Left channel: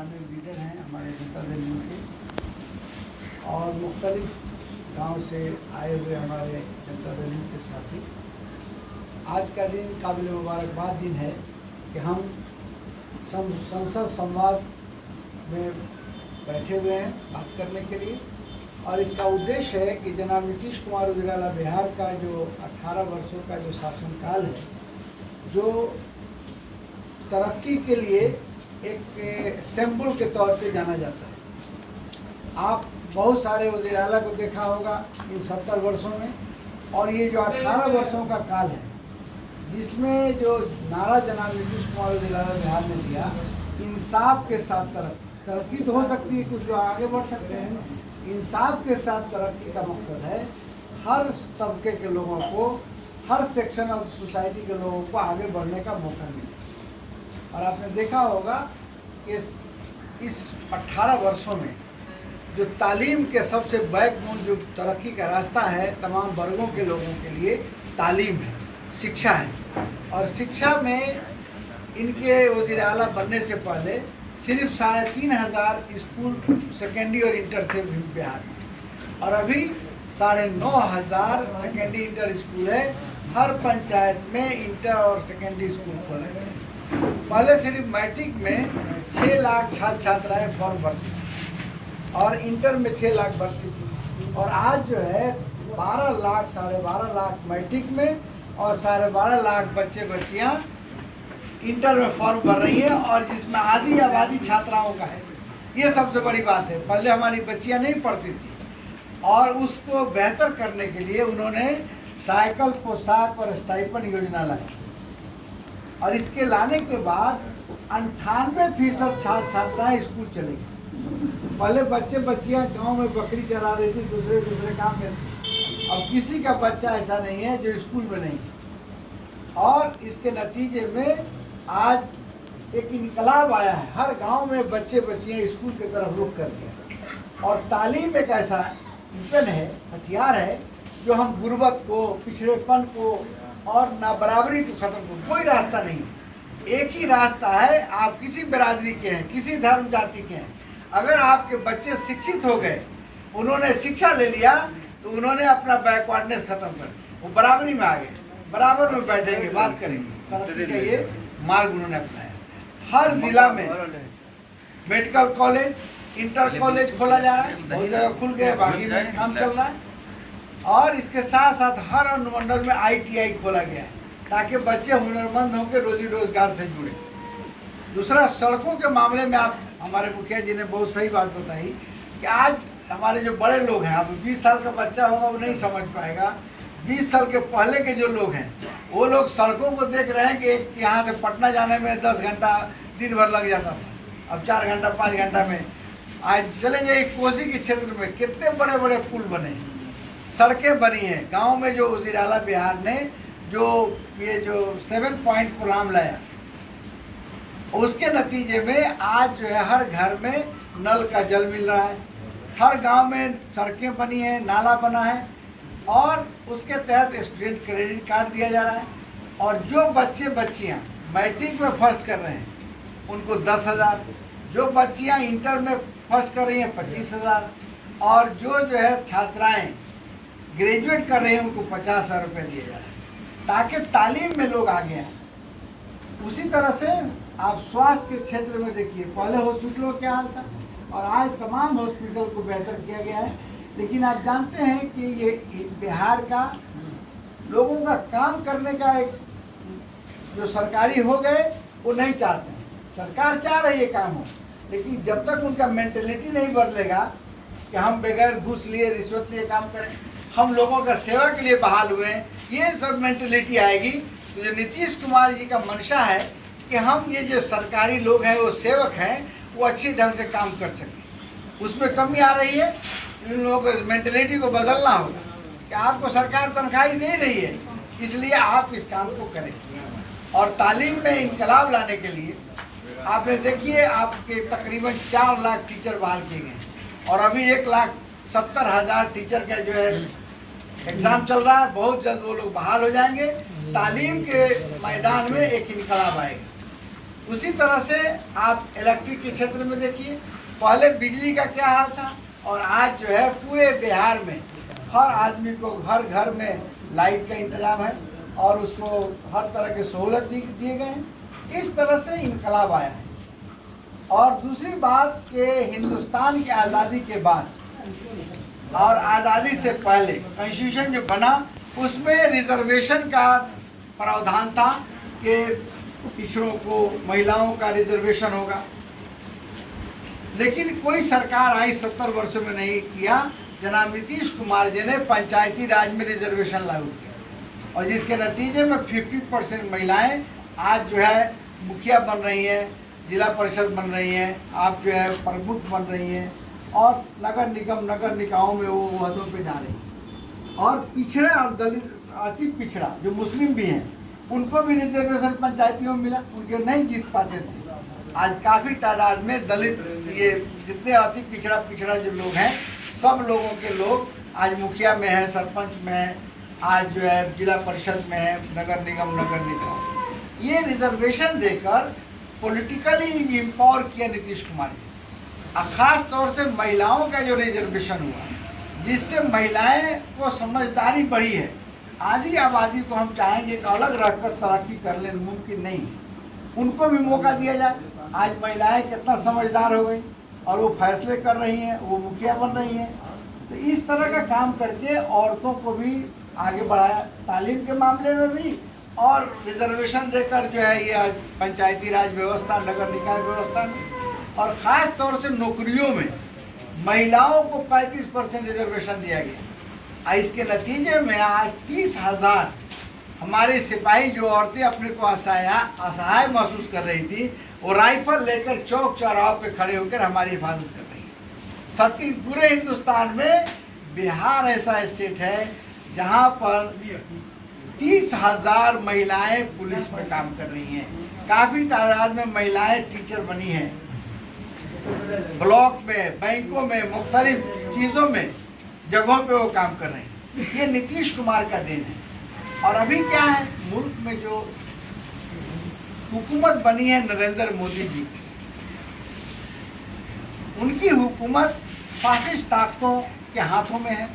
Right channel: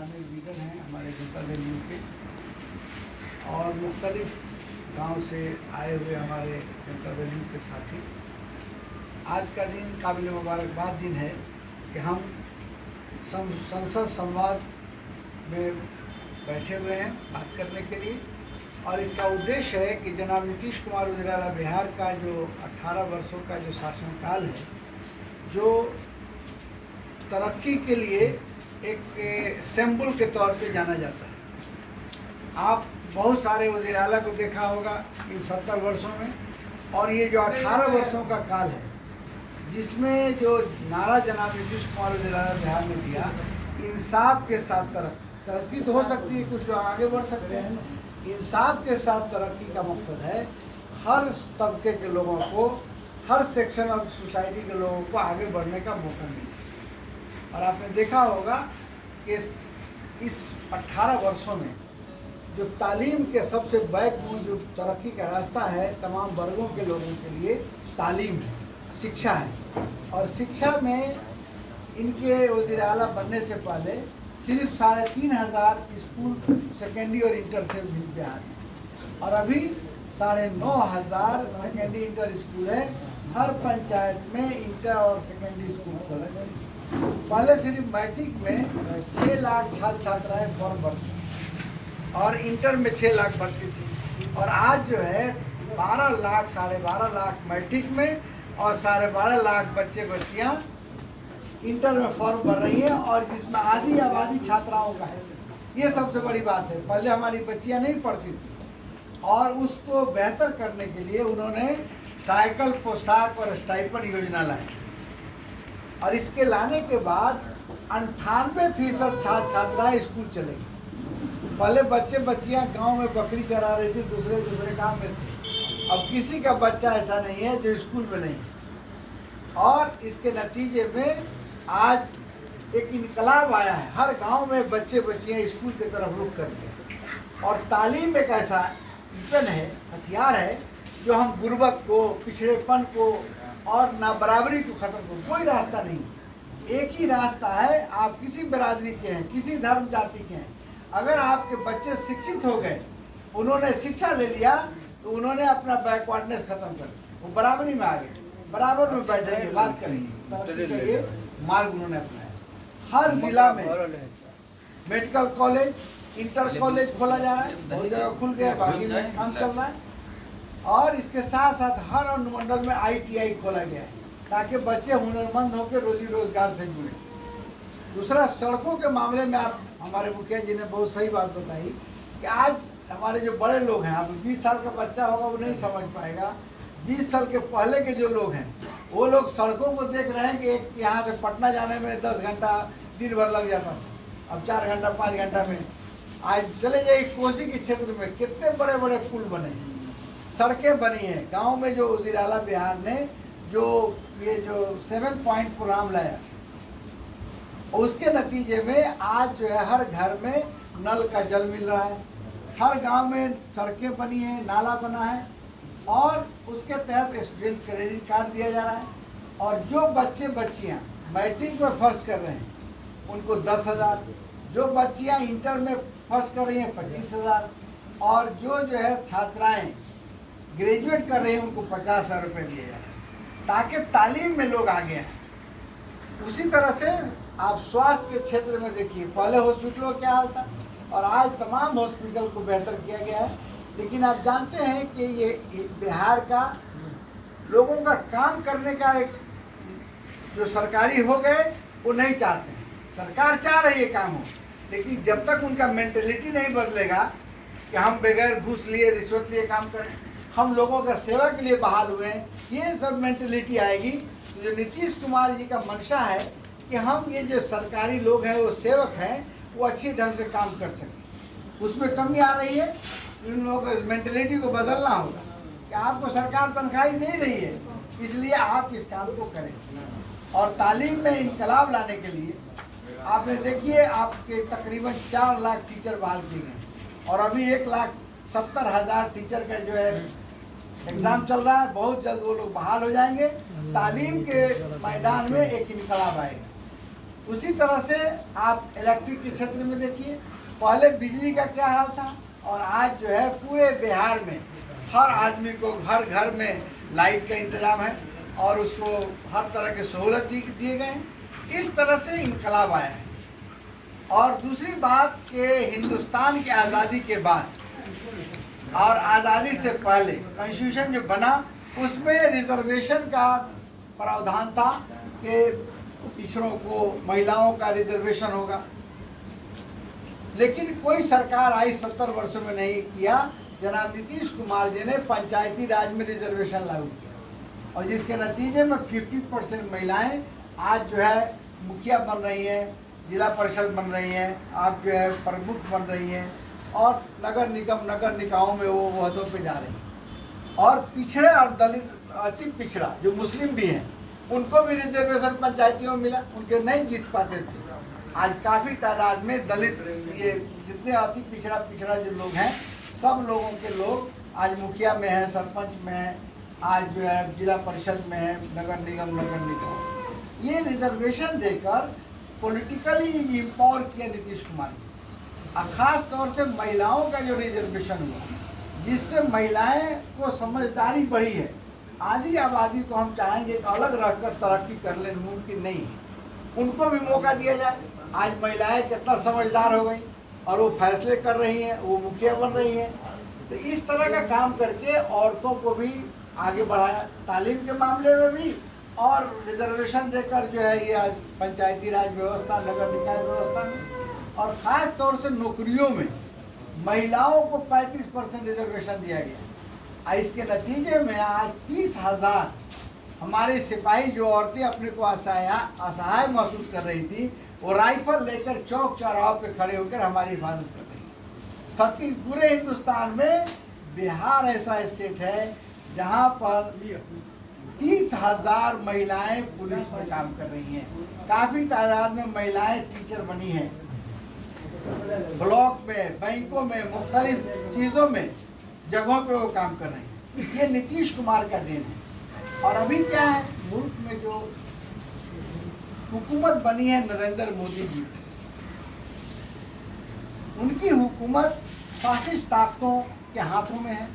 पुराने लीडर हैं हमारे जनता दल यू के और मुख्तलिफ गांव से आए हुए हमारे जनता दल यू के साथी। आज का दिन काबिल मुबारकबाद दिन है कि हम संसद संवाद में बैठे हुए हैं बात करने के लिए, और इसका उद्देश्य है कि जनाब नीतीश कुमार वज़ीर-ए-आला बिहार का जो 18 वर्षों का जो शासनकाल है, जो तरक्की के लिए एक सिंबल के तौर पे जाना जाता है। आप बहुत सारे वज़ीर-ए-आला को देखा होगा इन 70 वर्षों में, और ये जो 18 वर्षों का काल है जिसमें जो नारा जनाब नीतीश कुमार वज़ीर-ए-आला बिहार ने दिया, इंसाफ के साथ तरक्की तो हो सकती है, कुछ लोग आगे बढ़ सकते हैं। इंसाफ के साथ तरक्की का मकसद है हर तबके के लोगों को, हर सेक्शन ऑफ सोसाइटी के लोगों को आगे बढ़ने का मौका मिले। और आपने देखा होगा कि इस 18 वर्षों में जो तालीम के सबसे बैकबोन जो तरक्की का रास्ता है तमाम वर्गों के लोगों के लिए, तालीम है, शिक्षा है। और शिक्षा में इनके वज़ीर-ए-आला बनने से पहले सिर्फ 3500 स्कूल सेकेंडरी और इंटर थे बिहार में, और अभी 9500 सेकेंडरी इंटर स्कूल है। हर पंचायत में इंटर और सेकेंडरी स्कूल खोले गए। पहले सिर्फ मैट्रिक में 6 लाख छात्र छात्राएँ फॉर्म भरती थी और इंटर में 6 लाख भरती थी, और आज जो है 12 लाख 12.5 लाख मैट्रिक में और 12.5 लाख बच्चे बच्चियाँ इंटर में फॉर्म भर रही है, और जिसमें आधी आबादी छात्राओं का है। ये सबसे बड़ी बात है। पहले हमारी बच्चियां नहीं पढ़ती थी, और उसको बेहतर करने के लिए उन्होंने साइकिल, पोशाक और स्टाइपेंड योजना लाई, और इसके लाने के बाद 98% छात्र छात्राएँ स्कूल चलेगी। पहले बच्चे बच्चियां गांव में बकरी चरा रही थी, दूसरे काम में थी। अब किसी का बच्चा ऐसा नहीं है जो स्कूल में नहीं, और इसके नतीजे में आज एक इनकलाब आया है। हर गांव में बच्चे बच्चियां स्कूल की तरफ रुख करते हैं, और तालीम एक ऐसा वेपन है, हथियार है, जो हम गुर्बत को, पिछड़ेपन को और नाबराबरी को ख़त्म करो। कोई रास्ता नहीं, एक ही रास्ता है। आप किसी बिरादरी के हैं, किसी धर्म जाति के हैं, अगर आपके बच्चे शिक्षित हो गए, उन्होंने शिक्षा ले लिया, तो उन्होंने अपना बैकवर्डनेस खत्म कर दिया, वो बराबरी में आ गए, बराबर में बैठेंगे, बात करेंगे। तरक्की का ये मार्ग उन्होंने अपनाया। हर जिला में मेडिकल कॉलेज, इंटर कॉलेज खोला जा रहा है, बहुत जगह खुल गया, बाकी में काम चल रहा है। और इसके साथ साथ हर अनुमंडल में ITI खोला गया है, ताकि बच्चे हुनरमंद होकर रोजी रोजगार से जुड़े। दूसरा, सड़कों के मामले में आप, हमारे मुखिया जी ने बहुत सही बात बताई कि आज हमारे जो बड़े लोग हैं, अब 20 साल का बच्चा होगा वो नहीं समझ पाएगा, 20 साल के पहले के जो लोग हैं वो लोग सड़कों को देख रहे हैं कि एक यहाँ से पटना जाने में 10 घंटा दिन भर लग जाता था, अब 4 घंटा 5 घंटा में। आज चले जाइए कोसी के क्षेत्र में कितने बड़े बड़े पुल बने, सड़कें बनी हैं। गांव में जो वज़ीर-ए-आला बिहार ने जो ये जो 7 पॉइंट प्रोग्राम लाया, उसके नतीजे में आज जो है हर घर में नल का जल मिल रहा है, हर गांव में सड़कें बनी हैं, नाला बना है, और उसके तहत स्टूडेंट क्रेडिट कार्ड दिया जा रहा है। और जो बच्चे बच्चियां मैट्रिक में फर्स्ट कर रहे हैं उनको 10,000, जो बच्चियां इंटर में फर्स्ट कर रही हैं 25,000, और जो है छात्राएं ग्रेजुएट कर रहे हैं उनको 50,000 रुपये दिए जा रहे हैं, ताकि तालीम में लोग आगे आए। उसी तरह से आप स्वास्थ्य के क्षेत्र में देखिए, पहले हॉस्पिटलों का क्या हाल था, और आज तमाम हॉस्पिटल को बेहतर किया गया है। लेकिन आप जानते हैं कि ये बिहार का लोगों का काम करने का एक जो सरकारी हो गए वो नहीं चाहते हैं। सरकार चाह रही है काम हो, लेकिन जब तक उनका मेंटेलिटी नहीं बदलेगा कि हम बगैर घूस लिए, रिश्वत लिए काम करें, हम लोगों का सेवा के लिए बहाल हुए हैं, ये सब मेंटेलिटी आएगी तो जो नीतीश कुमार जी का मंशा है कि हम ये जो सरकारी लोग हैं, वो सेवक हैं, वो अच्छी ढंग से काम कर सकें, उसमें कमी आ रही है। इन लोगों को इस मेंटेलिटी को बदलना होगा कि आपको सरकार तनख्वाही दे रही है, इसलिए आप इस काम को करें। और तालीम में इनकलाब लाने के लिए आपने देखिए, आपके तकरीबन 4 लाख टीचर बहाल किए गए, और अभी 1,70,000 टीचर का जो है एग्ज़ाम चल रहा है। बहुत जल्द वो लोग बहाल हो जाएंगे। तालीम के मैदान में एक इनकलाब आएगा। उसी तरह से आप इलेक्ट्रिक के क्षेत्र में देखिए, पहले बिजली का क्या हाल था और आज जो है पूरे बिहार में हर आदमी को घर घर में लाइट का इंतजाम है और उसको हर तरह की सहूलत दिए गए हैं। इस तरह से इनकलाब आया है। और दूसरी बात कि हिंदुस्तान की आज़ादी के बाद और आज़ादी से पहले कॉन्स्टिट्यूशन जो बना उसमें रिजर्वेशन का प्रावधान था कि पिछड़ों को, महिलाओं का रिजर्वेशन होगा, लेकिन कोई सरकार आई 70 वर्षों में नहीं किया। जनाब नीतीश कुमार जी ने पंचायती राज में रिजर्वेशन लागू किया और जिसके नतीजे में 50% महिलाएं आज जो है मुखिया बन रही हैं, जिला परिषद बन रही हैं, आप जो है प्रमुख बन रही हैं और नगर निगम, नगर निकायों में वो ओहदों पे जा रही हैं। और पिछड़े और दलित, अति पिछड़ा जो मुस्लिम भी हैं, उनको भी रिजर्वेशन पंचायतियों में मिला, उनके नहीं जीत पाते थे। आज काफ़ी तादाद में दलित, ये जितने अति पिछड़ा जो लोग हैं, सब लोगों के लोग आज मुखिया में हैं, सरपंच में हैं, आज जो है जिला परिषद में है, नगर निगम, नगर निकाय। ये रिजर्वेशन देकर पॉलिटिकली एम्पावर किया नीतीश कुमार जी। और ख़ास तौर से महिलाओं का जो रिजर्वेशन हुआ, जिससे महिलाएं को समझदारी बढ़ी है। आधी आबादी को हम चाहेंगे कि अलग रहकर तरक्की कर लें, मुमकिन नहीं है, उनको भी मौका दिया जाए। आज महिलाएं कितना समझदार हो गई और वो फैसले कर रही हैं, वो मुखिया बन रही हैं। तो इस तरह का काम करके औरतों को भी आगे बढ़ाया, तालीम के मामले में भी और रिजर्वेशन देकर जो है ये आज पंचायती राज व्यवस्था, नगर निकाय व्यवस्था में और ख़ास तौर से नौकरियों में महिलाओं को 35% रिजर्वेशन दिया गया। इसके नतीजे में आज 30,000 हमारे सिपाही, जो औरतें अपने को असहाय महसूस कर रही थी, वो राइफल लेकर चौक चौराहों पे खड़े होकर हमारी हिफाजत कर रही है। पूरे हिंदुस्तान में बिहार ऐसा स्टेट है जहां पर 30,000 महिलाएं पुलिस में काम कर रही हैं। काफ़ी तादाद में महिलाएं टीचर बनी हैं, ब्लॉक में, बैंकों में, मुख्तलिफ चीज़ों में, जगहों पे वो काम कर रहे हैं। ये नीतीश कुमार का देन है। और अभी क्या है, मुल्क में जो हुकूमत बनी है नरेंद्र मोदी जी की, उनकी हुकूमत फासिस्ट ताकतों के हाथों में है,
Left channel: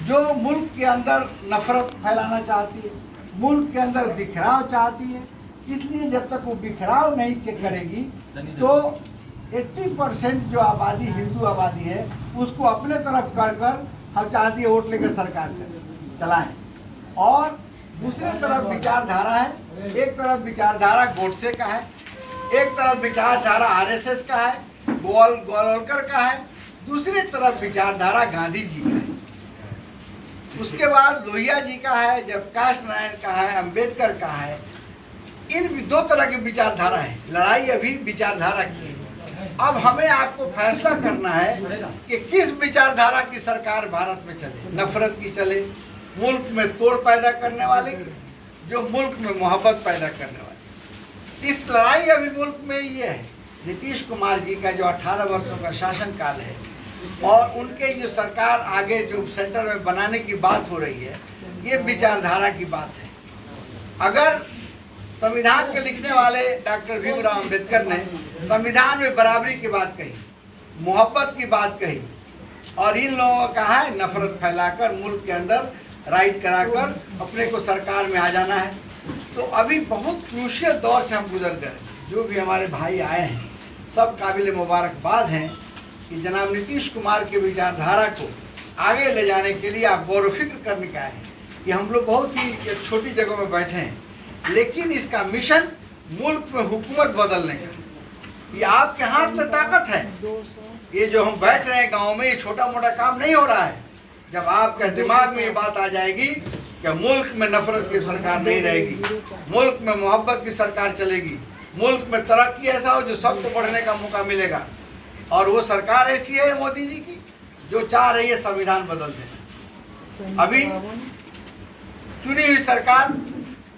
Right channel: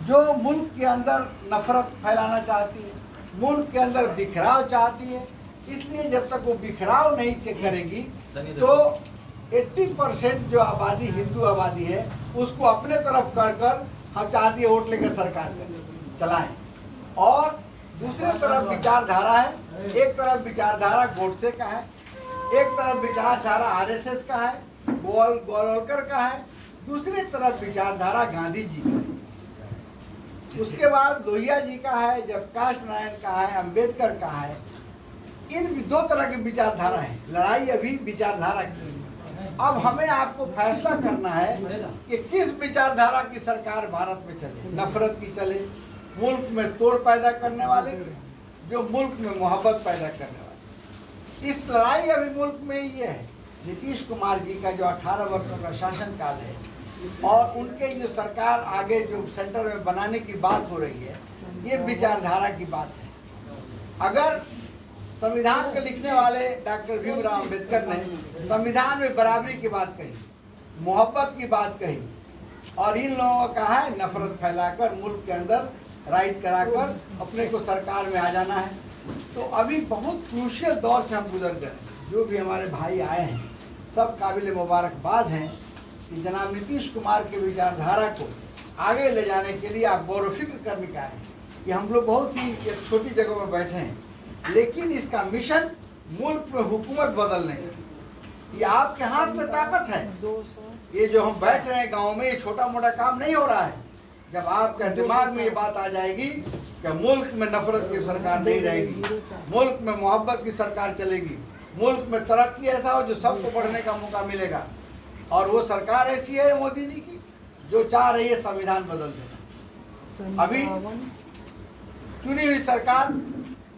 जो मुल्क के अंदर नफरत फैलाना चाहती है, मुल्क के अंदर बिखराव चाहती है। इसलिए जब तक वो बिखराव नहीं चेक करेगी तो 80% जो आबादी, हिंदू आबादी है, उसको अपने तरफ कर हम चाहती है वोट लेकर सरकार चलाएं। और दूसरी तरफ विचारधारा है, एक तरफ विचारधारा गोडसे का है, एक तरफ विचारधारा आरएसएस का है, गोलवलकर का है, दूसरी तरफ विचारधारा गांधी जी का है, उसके बाद लोहिया जी का है, जयप्रकाश नारायण का है, अंबेडकर का है। इन दो तरह की विचारधारा है। लड़ाई अभी विचारधारा की है। अब हमें आपको फैसला करना है कि किस विचारधारा की सरकार भारत में चले, नफरत की चले, मुल्क में तोड़ पैदा करने वाले की, जो मुल्क में मोहब्बत पैदा करने वाले। इस लड़ाई अभी मुल्क में ये है। नीतीश कुमार जी का जो 18 वर्षों का शासनकाल है और उनके जो सरकार आगे जो सेंटर में बनाने की बात हो रही है, ये विचारधारा की बात है। अगर संविधान के लिखने वाले डॉक्टर भीमराव अंबेडकर ने संविधान में बराबरी की बात कही, मोहब्बत की बात कही, और इन लोगों का है नफरत फैलाकर मुल्क के अंदर राइट कराकर अपने को सरकार में आ जाना है, तो अभी बहुत क्रूशियल दौर से हम गुजर गए। जो भी हमारे भाई आए हैं सब काबिल मुबारकबाद हैं कि जनाब नीतीश कुमार के विचारधारा को आगे ले जाने के लिए आप गौर फिक्र करने का है कि हम लोग बहुत ही एक छोटी जगह में बैठे हैं, लेकिन इसका मिशन मुल्क में हुकूमत बदलने का, ये आपके हाथ में ताकत है। ये जो हम बैठ रहे हैं गांव में, ये छोटा मोटा काम नहीं हो रहा है। जब आपके दिमाग में ये बात आ जाएगी कि मुल्क में नफरत की सरकार नहीं रहेगी, मुल्क में मोहब्बत की सरकार चलेगी, मुल्क में तरक्की ऐसा हो जो सबको बढ़ने का मौका मिलेगा, और वो सरकार ऐसी है मोदी जी की जो चाह रही है संविधान बदल देना। अभी चुनी हुई सरकार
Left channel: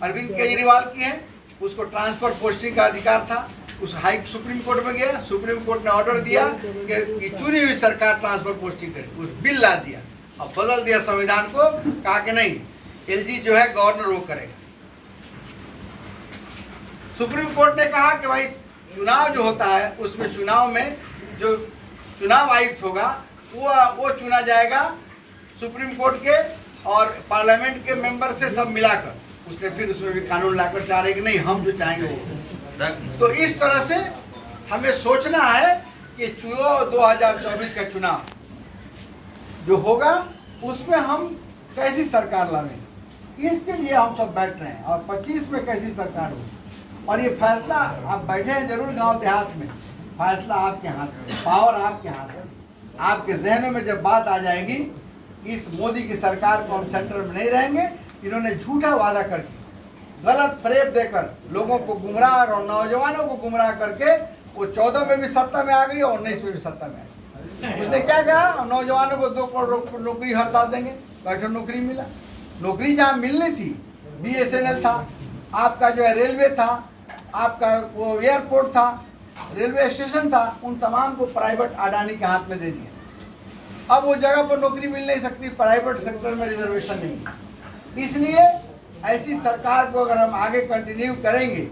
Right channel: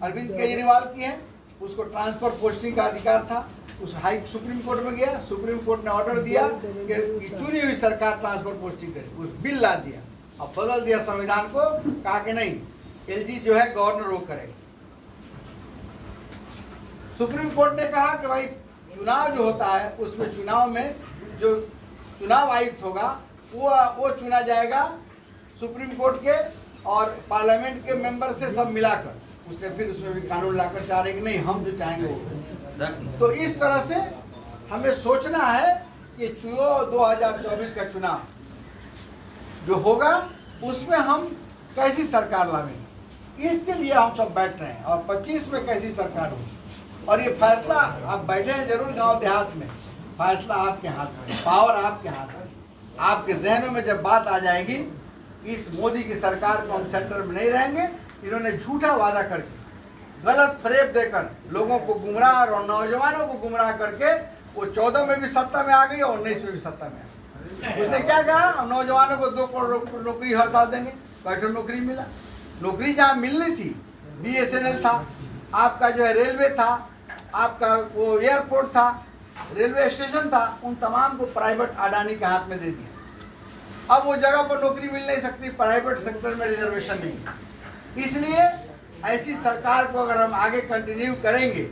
अरविंद केजरीवाल की है, उसको ट्रांसफर पोस्टिंग का अधिकार था, उस सुप्रीम कोर्ट में गया, सुप्रीम कोर्ट ने ऑर्डर दिया कि चुनी हुई सरकार ट्रांसफर पोस्टिंग करे, उस बिल ला दिया और बदल दिया संविधान को, कहा कि नहीं, एलजी जो है गवर्नर वो करेगा। सुप्रीम कोर्ट ने कहा कि भाई चुनाव जो होता है उसमें चुनाव में जो चुनाव आयुक्त होगा वो चुना जाएगा सुप्रीम कोर्ट के और पार्लियामेंट के मेंबर से सब मिलाकर। उसने फिर उसमें भी कानून लाकर चाह रहे कि नहीं हम जो चाहेंगे वो। तो इस तरह से हमें सोचना है कि 2024 का चुनाव जो होगा उसमें हम कैसी सरकार लाएंगे, इसके लिए हम सब बैठ रहे हैं। और 25 में कैसी सरकार हो, और ये फैसला आप बैठे हैं जरूर गांव देहात में, फैसला आपके हाथ में, पावर आपके हाथ में। आपके जहनों में जब बात आ जाएगी इस मोदी की सरकार को हम सेंटर में नहीं रहेंगे, इन्होंने झूठा वादा करके गलत फरेब देकर लोगों को गुमराह और नौजवानों को गुमराह करके वो 14 में भी सत्ता में आ गई और 19 में भी सत्ता में आ गई। उसने क्या कहा, हम नौजवानों को 2 करोड़ नौकरी हर साल देंगे। बैठो नौकरी मिला, नौकरी जहाँ मिलनी थी BSNL था, आपका जो है रेलवे था, आपका वो एयरपोर्ट था, रेलवे स्टेशन था, उन तमाम को प्राइवेट अडानी के हाथ में दे दिया। अब वो जगह पर नौकरी मिल नहीं सकती, प्राइवेट सेक्टर में रिजर्वेशन नहीं है। इसलिए ऐसी सरकार को अगर हम आगे कंटिन्यू करेंगे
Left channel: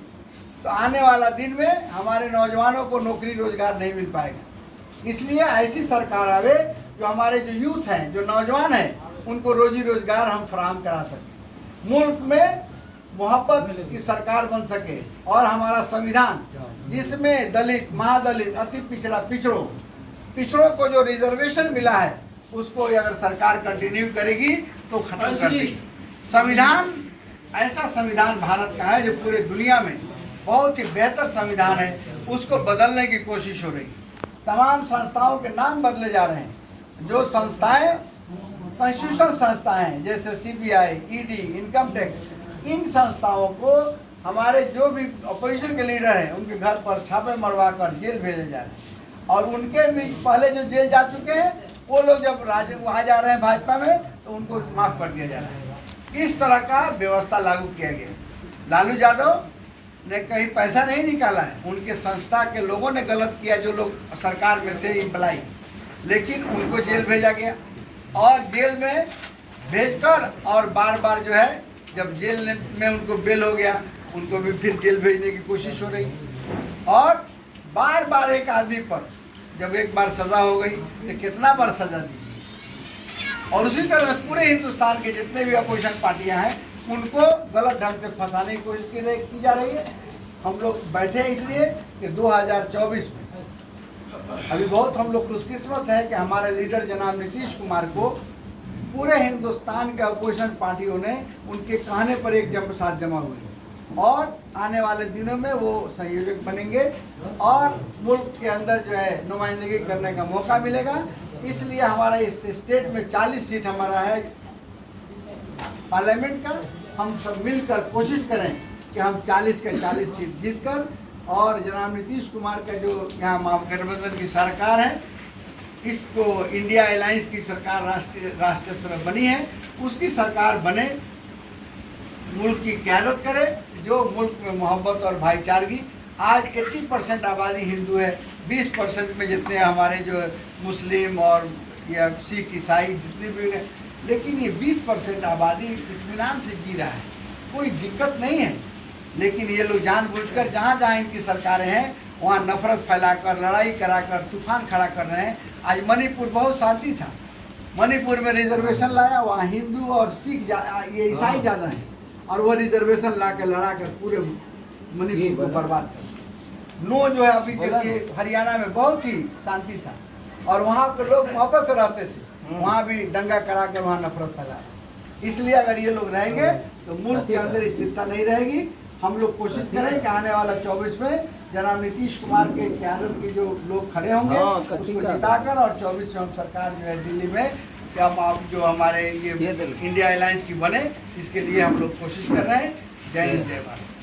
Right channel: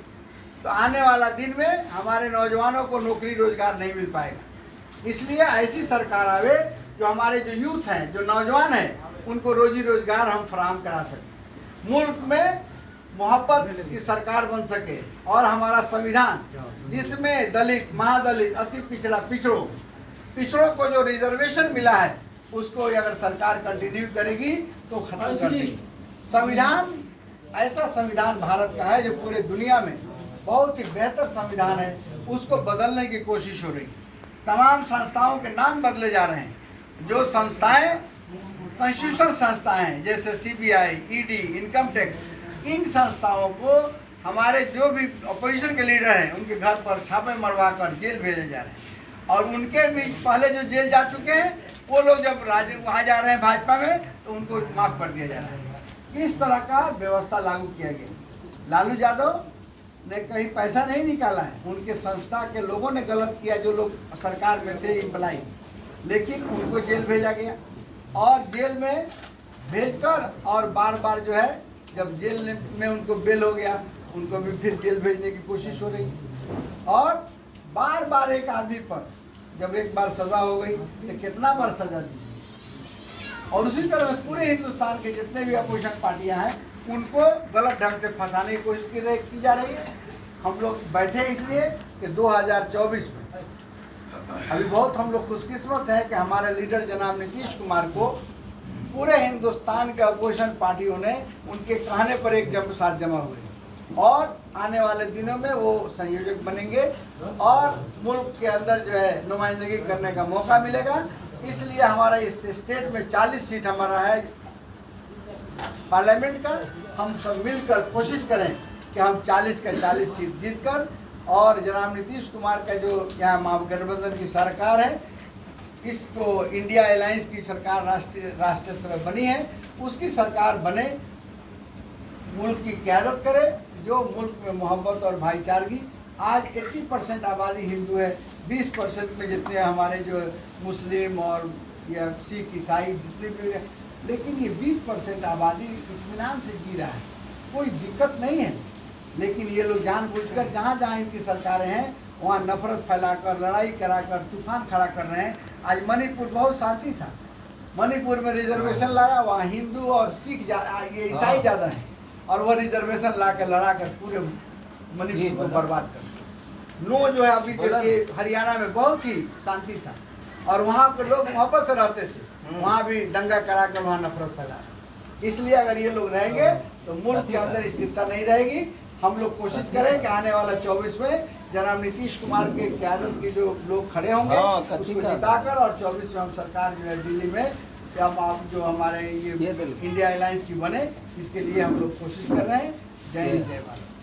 तो आने वाला दिन में हमारे नौजवानों को नौकरी रोजगार नहीं मिल पाएगा। इसलिए ऐसी सरकार आवे जो हमारे जो यूथ हैं, जो नौजवान हैं, उनको रोजी रोजगार हम फराहम करा सकें, मुल्क में मोहब्बत की सरकार बन सके। और हमारा संविधान जिसमें दलित, महादलित, अति पिछड़ा, पिछड़ों को जो रिजर्वेशन मिला है उसको अगर सरकार कंटिन्यू करेगी तो खत्म कर देगी। संविधान ऐसा संविधान भारत का है जो पूरे दुनिया में बहुत ही बेहतर संविधान है, उसको बदलने की कोशिश हो रही है। तमाम संस्थाओं के नाम बदले जा रहे हैं। जो संस्थाएं कॉन्स्टिट्यूशनल संस्थाएं हैं जैसे CBI, ED, इनकम टैक्स, इन संस्थाओं को हमारे जो भी अपोजिशन के लीडर हैं उनके घर पर छापे मरवा कर जेल भेजे जा रहे हैं। और उनके भी पहले जो जेल जा चुके हैं वो लोग जब वहाँ जा रहे हैं भाजपा में तो उनको माफ़ कर दिया जा रहा है। इस तरह का व्यवस्था लागू किया गया। लालू यादव ने कहीं पैसा नहीं निकाला है, उनके संस्था के लोगों ने गलत किया, जो लोग सरकार में थे एम्प्लाई, लेकिन उनको जेल भेजा गया। और जेल में भेजकर और बार बार जो है जब जेल में उनको बेल हो गया उनको भी फिर जेल भेजने की कोशिश हो रही। और बार बार एक आदमी पर जब एक बार सज़ा हो गई तो कितना बार सज़ा दी। और उसी तरह से पूरे हिंदुस्तान के जितने भी अपोजिशन पार्टियां हैं उनको गलत ढंग से फंसाने की कोशिश की जा रही है। हम लोग बैठे हैं इसलिए कि 2024 में अभी बहुत हम लोग खुशकिस्मत हैं कि हमारे लीडर जनाब नीतीश कुमार को पूरे हिंदुस्तान के अपोजिशन पार्टियों ने उनके कहने पर एक साथ जमा हुए और आने वाले दिनों में वो संयोजक बनेंगे और मुल्क के अंदर जो है नुमाइंदगी करने का मौका मिलेगा। इसलिए हमारा इस स्टेट में 40 सीट हमारा है पार्लियामेंट का। हम सब मिलकर कोशिश करें कि हम 40 के 40 सीट जीतकर और जनाब नीतीश कुमार का जो यहाँ महागठबंधन की सरकार है, इसको इंडिया अलायंस की सरकार राष्ट्रीय स्तर पर बनी है, उसकी सरकार बने, मुल्क की क़यादत करे, जो मुल्क में मोहब्बत और भाईचारगी। आज 80% आबादी हिंदू है, 20% में जितने हमारे जो मुस्लिम और या सिख ईसाई जितने भी हैं, लेकिन ये 20% आबादी इत्मीनान से जी रहा है, कोई दिक्कत नहीं है। लेकिन ये लोग जानबूझकर जहाँ जहाँ इनकी सरकारें हैं वहाँ नफरत फैलाकर, लड़ाई कराकर तूफान खड़ा कर रहे हैं। आज मणिपुर बहुत शांति था, मणिपुर में रिजर्वेशन लाया, वहाँ हिंदू और सिख ये ईसाई ज़्यादा हैं और वह रिजर्वेशन ला कर लड़ा कर पूरे मणिपुर को बर्बाद कर। नो जो है अभी जो कि हरियाणा में बहुत ही शांति था और वहाँ पर लोग मोहब्बत से रहते थे, वहाँ भी दंगा करा कर वहाँ नफरत फैला। इसलिए अगर ये लोग रहेंगे तो मुल्क के अंदर स्थिरता नहीं रहेगी। हम लोग कोशिश करें कि आने वाला 24 में जनाब नीतीश कुमार की क़यादत के जो लोग खड़े होंगे उसको जिताकर और 24 में हम सरकार जो है दिल्ली में कि हम जो हमारे ये इंडिया अलायंस की बने, इसके लिए हम लोग कोशिश कर रहे हैं। जय हिंद, जय भारत।